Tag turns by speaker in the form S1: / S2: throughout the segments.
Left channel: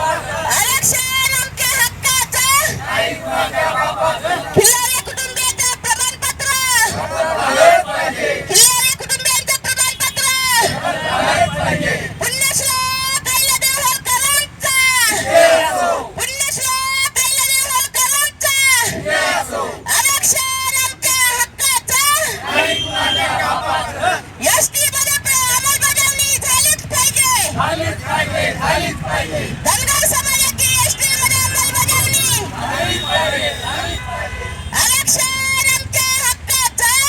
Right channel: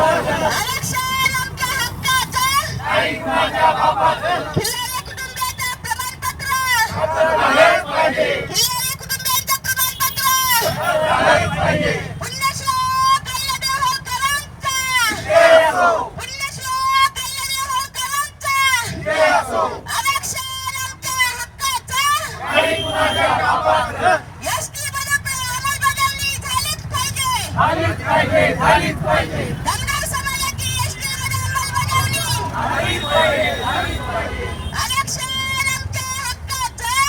S1: आरक्षण आमच्या हक्काचं खिल्लारी कुटुंबियाचं प्रमाणपत्र खिल्लारी कुटुंबियांचं प्रमाणपत्र पुण्यश्लोक अहिल्यादेवी होळकरांचा पुण्यश्लोक अहिल्यादेवी होळकरांचा आरक्षण आमच्या हक्काचं एसटी मध्ये अंमलबजावणी झालीच पाहिजे धनगर समाजाची एसटी मध्ये अंमलबजावणी आरक्षण आमच्या हक्काचं?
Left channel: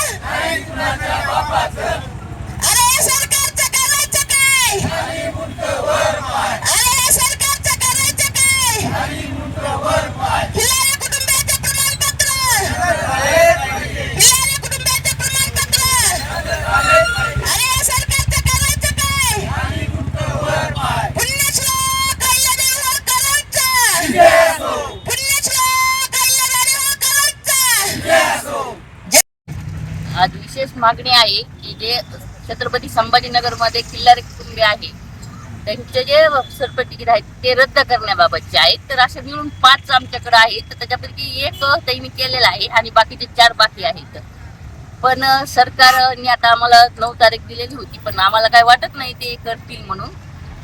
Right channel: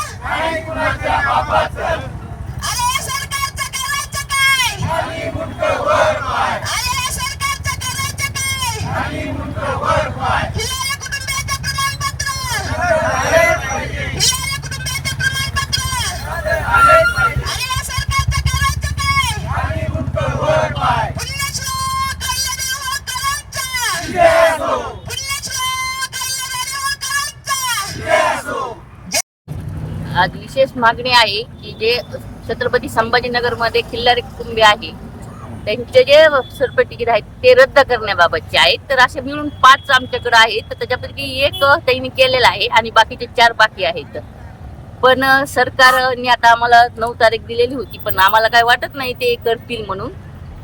S2: मागणी आहे की जे छत्रपती संभाजीनगरमध्ये खिल्लारी कुटुंबे आहे त्यांचे जे सरपट तिकीट आहेत ते रद्द करण्याबाबतचे आहेत. तर असे मिळून पाच आमच्याकडे आहेत. तर त्याच्यापैकी एक त्यांनी केलेलं आहे आणि बाकीचे चार बाकी आहेत. पण सरकारने आता आम्हाला नऊ तारीख दिलेली होती पण आम्हाला काय वाटत नाही ते करतील म्हणून.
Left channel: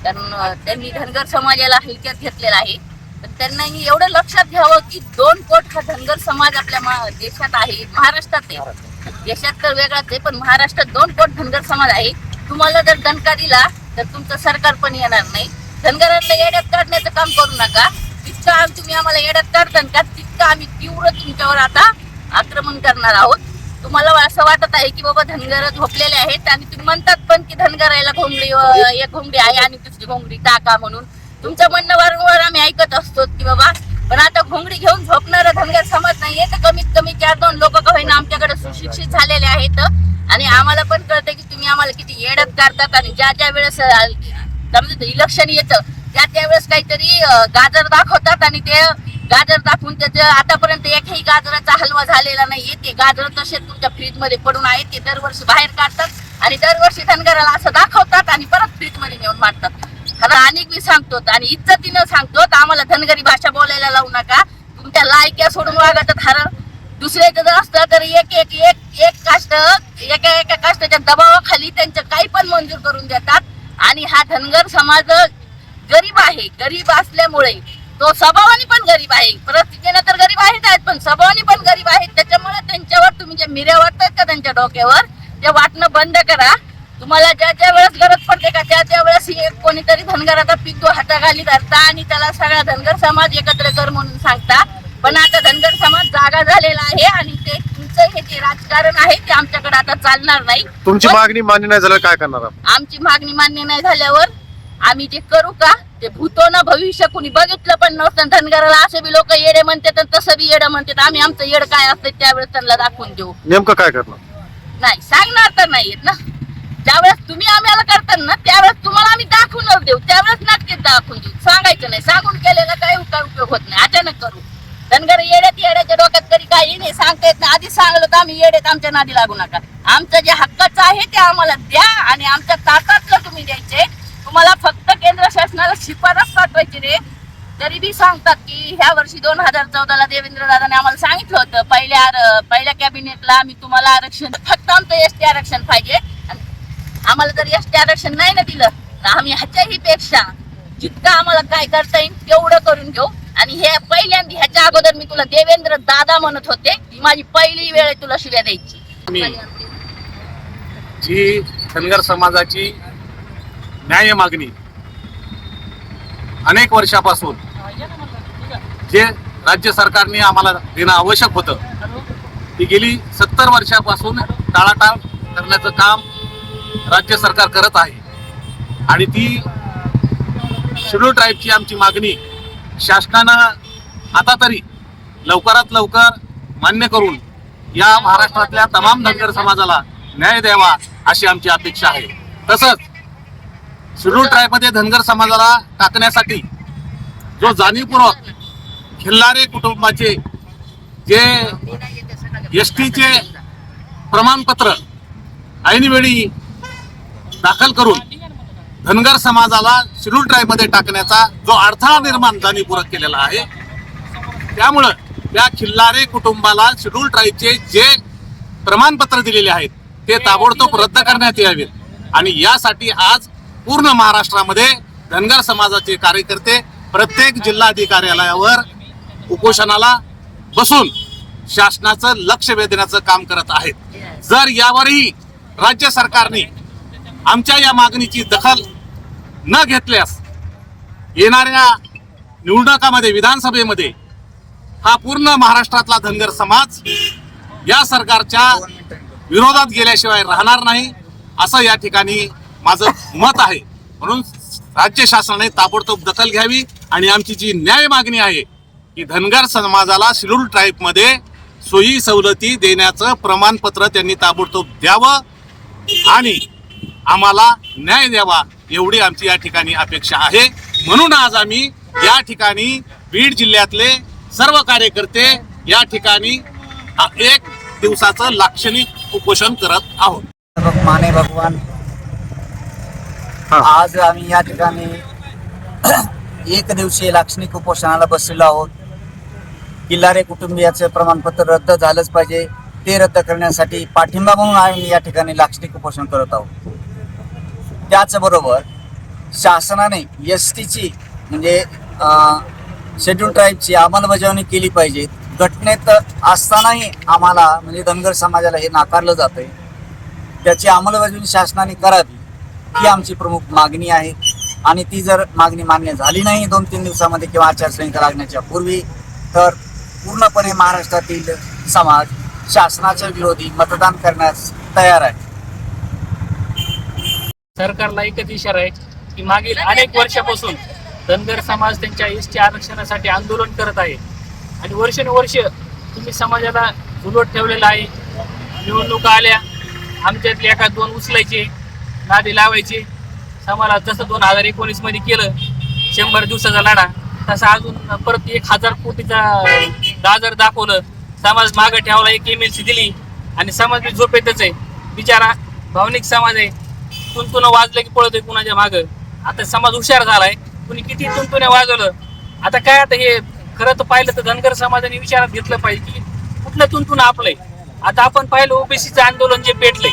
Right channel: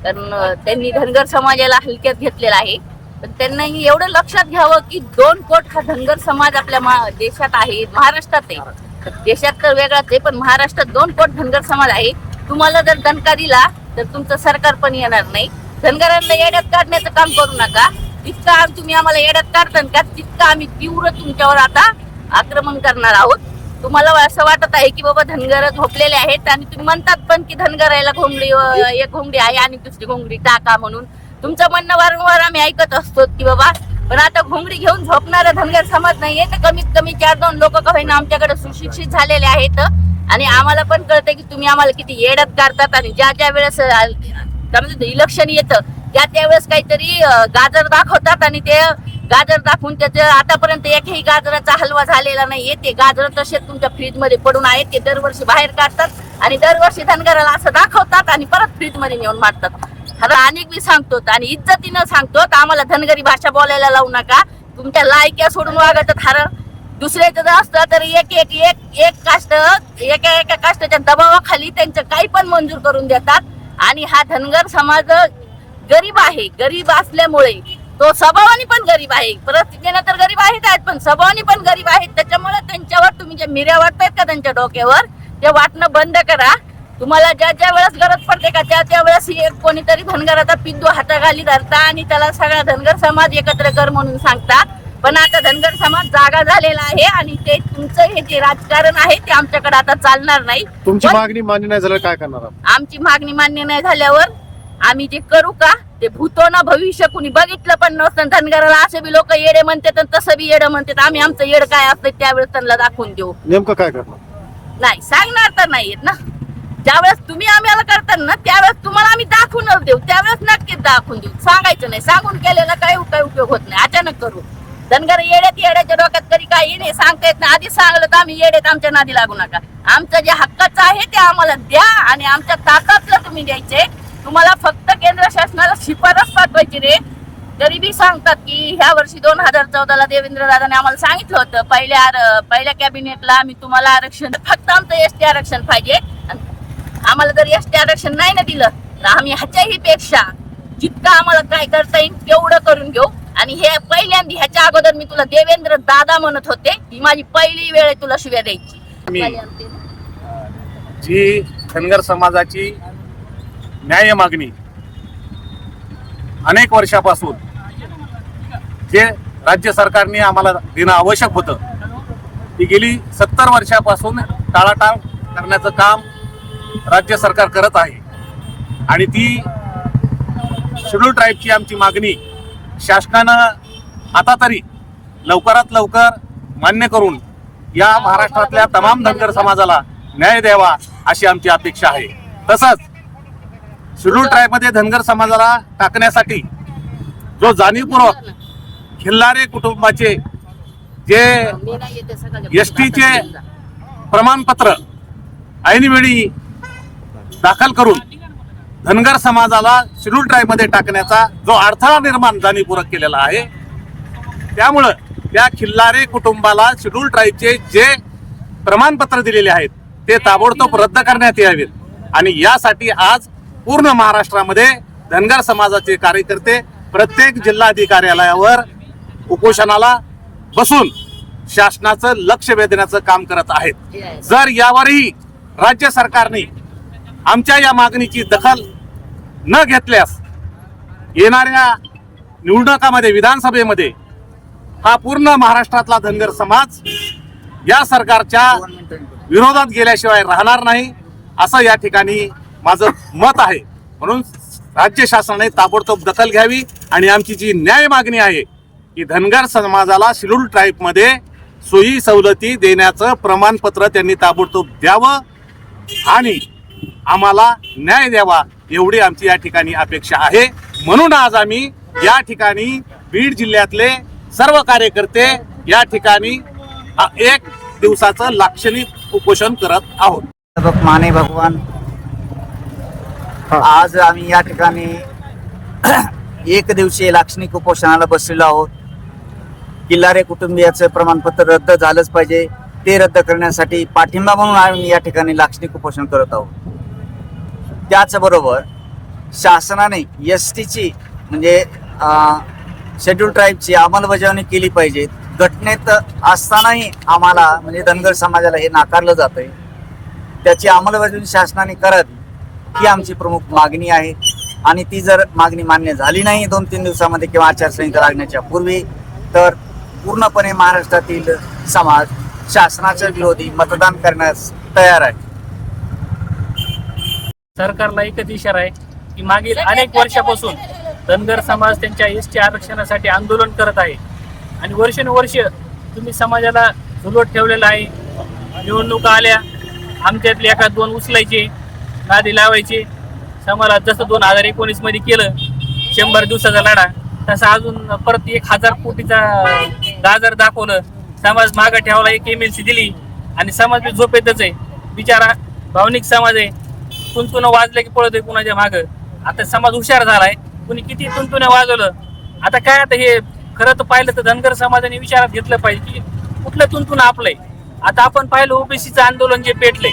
S2: कारण त्यांनी धनगर समाजाला हलक्यात घेतलेला आहे. पण त्यांनाही एवढं लक्षात घ्यावं की दोन कोट हा धनगर समाज आपल्या मा- देशात आहे महाराष्ट्रात आहे. देशात तर वेगळाच आहे पण महाराष्ट्रात दोन कोट धनगर समाज आहे. तुम्हाला जर दणका दिला तर तुमचं सरकार पण येणार नाही. धनगरांना येड्यात काढण्याचं काम करू नका. जितकं आम- तुम्ही आम्हाला येड्यात काढता का तितकं आम्ही तीव्र तुमच्यावर आता आक्रमण करणार आहोत. तुम्हाला असं वाटत आहे की बाबा धनगर झोपलेले आहेत आणि तुम्ही म्हणतात पण की धनगराला घोंगडी एक घोंगडी आहे आणि दुसरी घोंगडी टाका म्हणून. तुमचं म्हणणं वारंवार आम्ही ऐकत असतो की बाबा पण आता घोंगडी घेऊन झोपणारा धनगर समाज नाहीये. तर कमीत कमी चार दोन लोक का होईना आमच्याकडे सुशिक्षित झालेले आहेत. आणि आम्हाला पण कळतं की तुम्ही आम्हाला किती येडत काढतात आणि ज्या ज्या वेळेस इलेक्शन येतं त्या त्यावेळेस काहीतरी गाजर दाखवतात आणि ते गाजर दाखवून त्याचं आतापर्यंत एकही गाजराचा हलवा झालेला नाहीये. ते गाजर तसे तुमच्या फ्रीजमध्ये पडून आहेत. ते दरवर्षी बाहेर काढतात आणि दरवर्षी धनगराला असं दाखवतात आणि परत फ्रीजमध्ये नेऊन मारतात. खरं अनेक मी सांगतो आणि इज्जतीनं सांगतो आम्हाला धनगरी भाषा बोलायला लावू नका. तुमच्या लायक्या सोडून वागत हर. दुसऱ्याचं जर असतं तर एक एक एक एक काष्ट एका एका काष्टाच्या दबावाखाली त्यांचं काही पण मंजूर करून देतात. आणि हा धनगर समाज गरीब आहे. गरीब असल्यामुळे तो स्वभावाने पण गरीब आहे. परिस्थितीनं तर गरीब आहेत आहेत पण स्वभावाने पण गरीब आहेत. त्याच्यामुळे त्यांच्यावर तुम्ही जे मिऱ्या वाटतात का त्यांच्या डोक्यावर ते वाटणं बंद करा. तुम्हाला ज्या ज्या वेळेस गरज पडते का त्या त्या वेळेस एक कोणीतरी धनगराचा पिंदू हाताखाली धरता आणि त्याला सगळा धनगर समाज एकत्र कर म्हणून सांगता. पण आता धनगर समाज जागा झालेला आहे आणि ते तुमचं हे जे राजकारण आहे ते आमच्याकडे आता चालणार नाही.
S3: तुमची मागणी मान्य नाही झालं काय करणार?
S2: आमची मागणी मान्य नाही झाल्यावर आम्ही जे करू का ते भूतो ना भविष्य. कुणी बघितलं पण नसतं. धनगराला असे बी लोक येडे म्हणतात आणि तसं बी येडं म्हणतात. आम्ही आमचं येड काय असतं त्यावेळेस त्यांना दाखवून देऊ.
S3: नेमकं काय करणार?
S2: नाही सांगणार तर नाहीयेत ना. ज्यावेळेस तुम्ही आम्हाला करता ना त्यावेळेस तुम्हाला आम्ही दाखवूनच देऊ. त्यावेळेस नक्कीच दाखवून देऊ. सांगायचं नाही. सांगून केलेला काही काय उपयोग होत नाही. अचानक करू. धनगर येड्यात येड्याच्या डोक्यात तरी काही नाही. सांगता येत नाही. आधी सांगलं तर आम्ही येड्यात आमच्या नादी लागू नका. आमचं जे हक्काचं आहे ते आम्हाला द्या आणि आमच्या ताटातलं तुम्ही द्यायचे. तुम्हाला फक्त केंद्र शासनाला शिफारस पाठवायची रे. तरी बी सांगतात की ह्या वर्षी दोन हजार चौदाला देवेंद्र दादाने आम्हाला सांगितलं होतं पहिल्या आर- पहिल्या कॅबिनेटला आम्ही तुम्हाला आरक्षण फक्त आमचं एस टी आरक्षण पाहिजे. आम्हाला जर एस टी आरक्षण नाही ना दिलं तर आम्ही ह्याच्याही पेक्षा जितकं आम्हाला काय करता येईल तेवढं करून घेऊ. आणि हे पहिल्यांदा ह्याच्या अगोदर मी तुला देवेंद्र दादा म्हणत होते ही माझी पहिली वेळ आहे तुला शिव्या द्यायची.
S4: मी जी धनगर समाजाची न्याय मागणी अनेक वर्षापासून जे राज्य सरकारने आम्हाला देणं आवश्यक होतं ती गेली सत्तर वर्षापासून टाळाटाळ करण्याचं काम राज्य सरकार करत आहे. आणि ती शेड्यूल ट्राईबची आमची मागणी शासनानं आता तरी लवकरात लवकर मान्य करून या महाराष्ट्रातल्या तमाम धनगर समाजाला न्याय द्यावा अशी आमची अपेक्षा आहे. तसंच शेड्यूल ट्राईबमध्ये धनगर समाजाला टाकण्यासाठी जो जाणीवपूर्वक खिल्लारे कुटुंबाचे जे एस टीचे प्रमाणपत्र ऐनवेळी दाखल करून धनगर समाजाला शेड्यूल ट्राईबमध्ये टाकण्याचा जो अडथळा निर्माण जाणीवपूर्वक केलेला आहे त्यामुळं त्या खिल्लारे कुटुंबाला शेड्यूल ट्राईबचे जे प्रमाणपत्र दिलेले आहेत ते ताबडतोब रद्द करण्यात यावेत. आणि यासाठी आज पूर्ण महाराष्ट्रामध्ये धनगर समाजाचे कार्यकर्ते प्रत्येक जिल्हाधिकार्यालयावर उपोषणाला बसून शासनाचं लक्ष वेधण्याचं काम करत आहेत. जर यावरही राज्य सरकारने आमच्या या मागणीची दखल न घेतल्यास येणाऱ्या निवडणुकामध्ये विधानसभेमध्ये हा पूर्ण महाराष्ट्रातला धनगर समाज या सरकारच्या विरोधात गेल्याशिवाय राहणार नाही असं या ठिकाणी माझं मत आहे. म्हणून राज्य शासनाने ताबडतोब दखल घ्यावी आणि आमची जी न्याय मागणी आहे की धनगर समाजाला शिरूर ट्राईबमध्ये सोयी सवलती देण्याचं प्रमाणपत्र त्यांनी ताबडतोब द्यावं आणि आम्हाला न्याय द्यावा एवढी आमची या ठिकाणी अपेक्षा आहे. म्हणून आज आम्ही या ठिकाणी बीड जिल्ह्यातले सर्व कार्यकर्ते या ठिकाणी एक दिवसाचं लाक्षणिक उपोषण करत आहोत.
S5: माने भगवान. आज आम्ही या ठिकाणी एक दिवसीय लाक्षणिक उपोषणाला बसलेलो आहोत. किल्लारे कुटुंबियाचं प्रमाणपत्र रद्द झालंच पाहिजे. ते रद्द करण्यासाठी पाठिंबा म्हणून आम्ही या ठिकाणी लाक्षणिक उपोषण करत आहोत. त्याचबरोबर शासनाने एस टीची म्हणजे शेड्यूल ट्राईबची अंमलबजावणी केली पाहिजे. घटनेत असतानाही आम्हाला म्हणजे धनगर समाजाला हे नाकारलं जातं आहे त्याची अंमलबजावणी शासनाने करावी ही आमची प्रमुख मागणी आहे. आणि ती जर मागणी मान्य झाली नाही दोन तीन दिवसामध्ये किंवा आचारसंहिता लागण्याच्या पूर्वी तर पूर्णपणे महाराष्ट्रातील समाज शासनाच्या विरोधी मतदान करण्यास तयार आहे.
S6: सरकारला एकच इशारा आहे की मागील अनेक वर्षापासून धनगर समाज त्यांच्या एस टी आरक्षणासाठी आंदोलन करत आहे. आणि वर्षानुवर्ष तुम्ही समाजाला झुलवत ठेवलेला आहे. निवडणुका आल्या आमच्यातले एका दोन उचलायचे नादी लावायचे. समाजाला जसं दोन हजार एकोणीसमध्ये केलं शंभर दिवसाचा लढा तसा अजून परत एक हजार कोटीचा गाजर दाखवलं. समाज मागं ठेवला एक एम एल सी दिली. आणि समाज झोपेतच आहे. बिचारा भावनिक समाज आहे. तुंतुन वाजलं की पळतोय कुणाच्या मागं. आता समाज हुशार झालाय. कुणी किती तुंतुने वाजवलं? आता काय आता हे खरं तर पाहिलं तर धनगर समाजाने विचारात घेतलं पाहिजे की कुठलं तुंतुन आपलंय? आता आपण पाहिलं ओबीसीचं आंदोलन जे पेटलंय.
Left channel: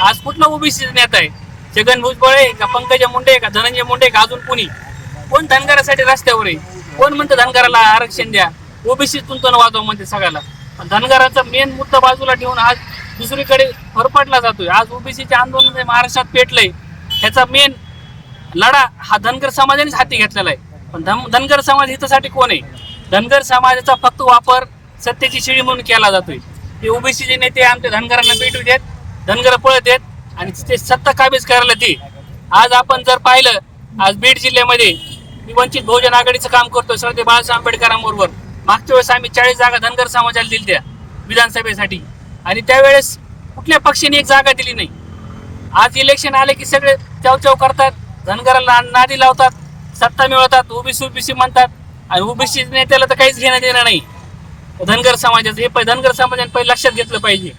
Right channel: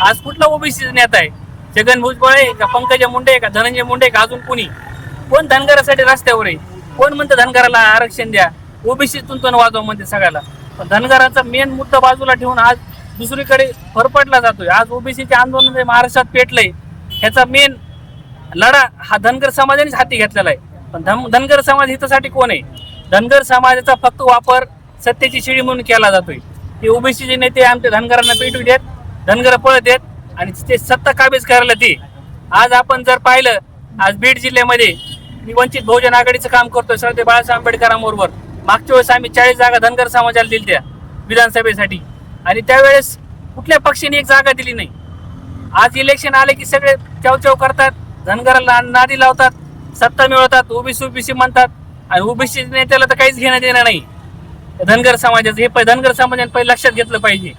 S6: आज कुठला ओबीसी नेता आहे? छगन भुजबळ आहे का पंकजा मुंडे आहे का धनंजय मुंडे का अजून कुणी? कोण धनगरासाठी रस्त्यावर आहे? कोण म्हणतं धनगराला आरक्षण द्या? ओबीसी तुंतुन वाजवा म्हणते सगळ्याला. पण धनगराचा मेन मुद्दा बाजूला ठेवून आज दुसरीकडे फरफटला जातोय. आज ओबीसीचे आंदोलन जे महाराष्ट्रात पेटलंय. ह्याचा मेन लढा हा धनगर समाजानेच हाती घेतलेला आहे. पण धन धनगर समाज हितासाठी कोण आहे? धनगर समाजाचा फक्त वापर सत्तेची शिळी म्हणून केला जातोय. ते ओबीसीचे नेते आमच्या धनगरांना पेटू देत धनगर पळत देत आणि ते सत्ता काबीज करायला ते आज आपण जर पाहिलं आज बीड जिल्ह्यामध्ये मी वंचित बहुजन आघाडीचं काम करतोय श्रद्धे बाळासाहेब आंबेडकरांबरोबर. मागच्या वेळेस आम्ही चाळीस जागा धनगर समाजाला दिल्या त्या विधानसभेसाठी. आणि त्यावेळेस कुठल्या पक्षाने एक जागा दिली नाही. आज इलेक्शन आले की सगळे चवचव करतात धनगराला नादी लावतात सत्ता मिळवतात ओबीसी ओबीसी म्हणतात. आणि ओबीसी नेत्याला तर काहीच घेणं देणं नाही. धनगर समाजाचं हे पहि- धनगर समाजाने पहिले लक्षात घेतलं पाहिजे.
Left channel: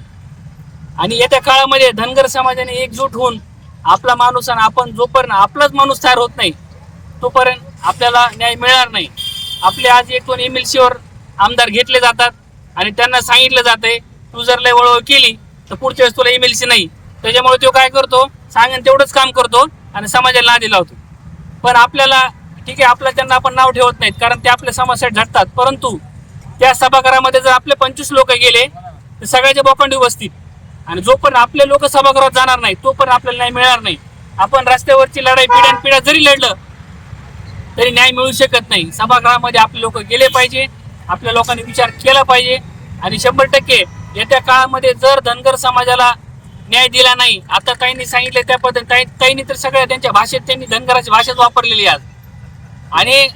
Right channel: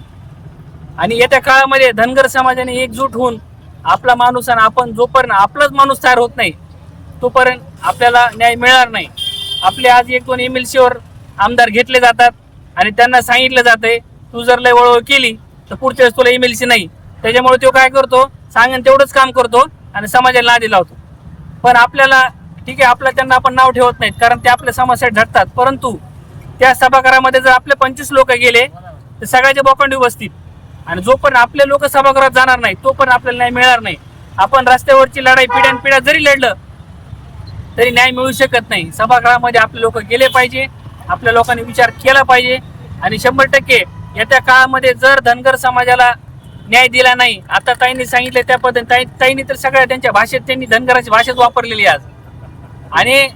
S6: आणि येत्या काळामध्ये धनगर समाजाने एकजूट होऊन आपला माणूस आणि आपण जोपर्यंत आपलाच माणूस तयार होत नाही तोपर्यंत आपल्याला न्याय मिळणार नाही. आपले आज एक दोन एम एल सीवर आमदार घेतले जातात आणि त्यांना सांगितलं जातंय तू जर लय वळवळ केली तर पुढच्या वेळेस तुला ईमेलची नाही. त्याच्यामुळे तो काय करतो? सांगेन तेवढंच काम करतो आणि समाजाला नादी लावतो. पण आपल्याला ठीक आहे आपलं त्यांना आपण नाव ठेवत नाहीत कारण ते आपल्या समस्या झटतात. परंतु त्या सभागृहामध्ये जर आपले पंचवीस लोक गेले तर सगळ्याचे बोकांडी बसतील आणि जो पण आपले लोक सभागृहात जाणार नाही तो पण आपल्याला न्याय मिळणार नाही. आपण रस्त्यावरची लढाई पिढ्यान पिढ्या जरी लढलं तरी न्याय मिळू शकत नाही. सभागृहामध्ये आपले लोक गेले पाहिजे आपल्या लोकांनी विचार केला पाहिजे. आणि शंभर टक्के येत्या काळामध्ये जर धनगर समाजाला न्याय दिला नाही आता ताईंनी सांगितले त्या पद्धतीने ताई ताईंनी तर सगळ्या त्यांच्या भाषेत त्यांनी धनगराची भाषाच वापरलेली आज. आणि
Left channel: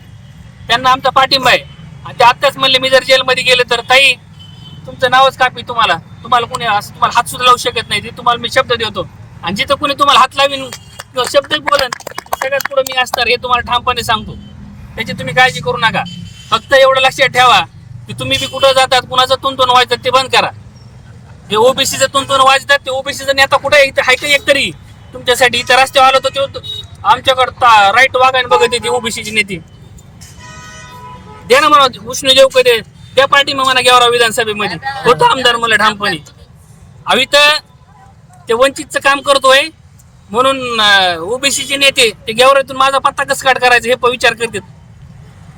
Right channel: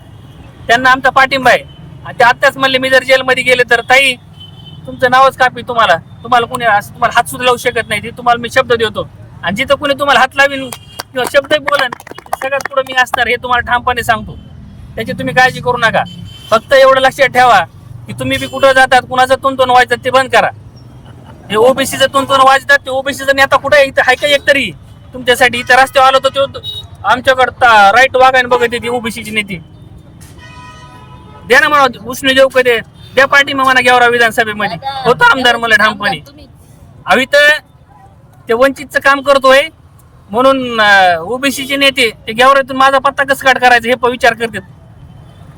S6: त्यांना आमचा पाठिंबा आहे. आणि ते आत्ताच म्हणले मी जर जेलमध्ये गेले तर ताई तुमचं नावच कापी तुम्हाला. तुम्हाला कोणी असं तुम्हाला हात सुद्धा लावू शकत नाही. ते तुम्हाला मी शब्द देतो. आणि जिथं कोणी तुम्हाला हात लावीन किंवा शब्द बोलन सगळ्यात पुढे मी असणार हे तुम्हाला ठामपणे सांगतो. त्याची तुम्ही काळजी करू नका. फक्त एवढं लक्षात ठेवा की तुम्ही बी कुठं जातात कुणाचं तुंतून व्हायचं ते बंद करा. हे ओबीसीचं तुमचं वाजतात ते ओबीसीचा नेता कुठे इथं हाय का एक तरी? तुमच्यासाठी इथं रस्त्यावर आलो तर तो आमच्याकडता राईट वागायला बघत येते ओबीसीची नेते. द्या ना म्हणा उष्ण देऊ कधी त्या पार्टी मग म्हणा घ्यावरा विधानसभेमध्ये. होतो आमदार मला ठामपणे. हवी तर ते वंचितचं काम करतोय म्हणून ओबीसीचे नेते ते गेवरातून माझा पत्ता कसं काढ करायचं हे पण विचार करतात.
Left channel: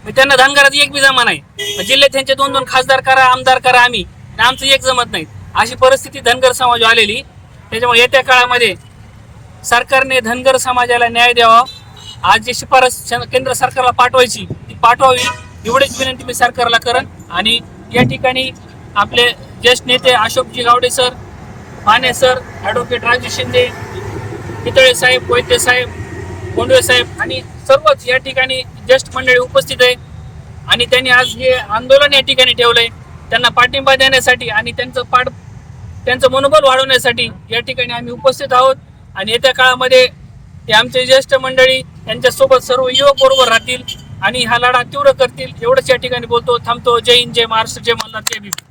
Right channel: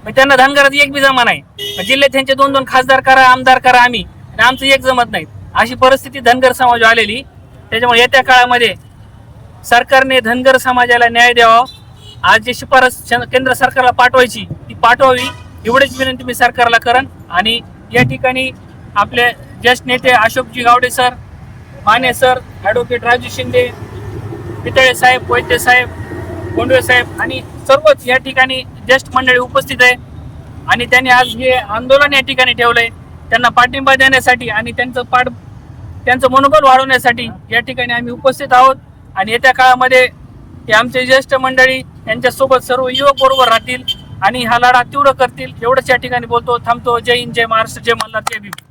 S6: मग त्यांना धनगरात एक बी जमा नाही. जिल्ह्यात त्यांचे दोन दोन खासदार करा आमदार करा आम्ही. आणि आमचं एक जमत नाही. अशी परिस्थिती धनगर समाज आलेली. त्याच्यामुळे येत्या काळामध्ये सरकारने धनगर समाजाला न्याय द्यावा. आज जे शिफारस केंद्र सरकारला पाठवायची ती पाठवावी. एवढीच विनंती मी सरकारला करन आणि या ठिकाणी आपले ज्येष्ठ नेते Ashokji Gawade sir Mane sir advocate Raju Shinde Pitale साहेब वैद्य साहेब गोंडवे साहेब आणि सर्वच या ठिकाणी ज्येष्ठ मंडळी उपस्थित आहे. आणि त्यांनी आज हे आंदोलन या ठिकाणी ठेवलं आहे त्यांना पाठिंबा देण्यासाठी आणि त्यांचं पाठ त्यांचं मनोबल वाढवण्यासाठी या ठिकाणी आम्ही उपस्थित आहोत. आणि येत्या काळामध्ये हे आमचे ज्येष्ठ मंडळी यांच्यासोबत सर्व युवक बरोबर राहतील आणि हा लढा तीव्र करतील. एवढंच या ठिकाणी बोलतो. थांबतो. जय हिंद जय महाराष्ट्र जय मल्हार जय भीम.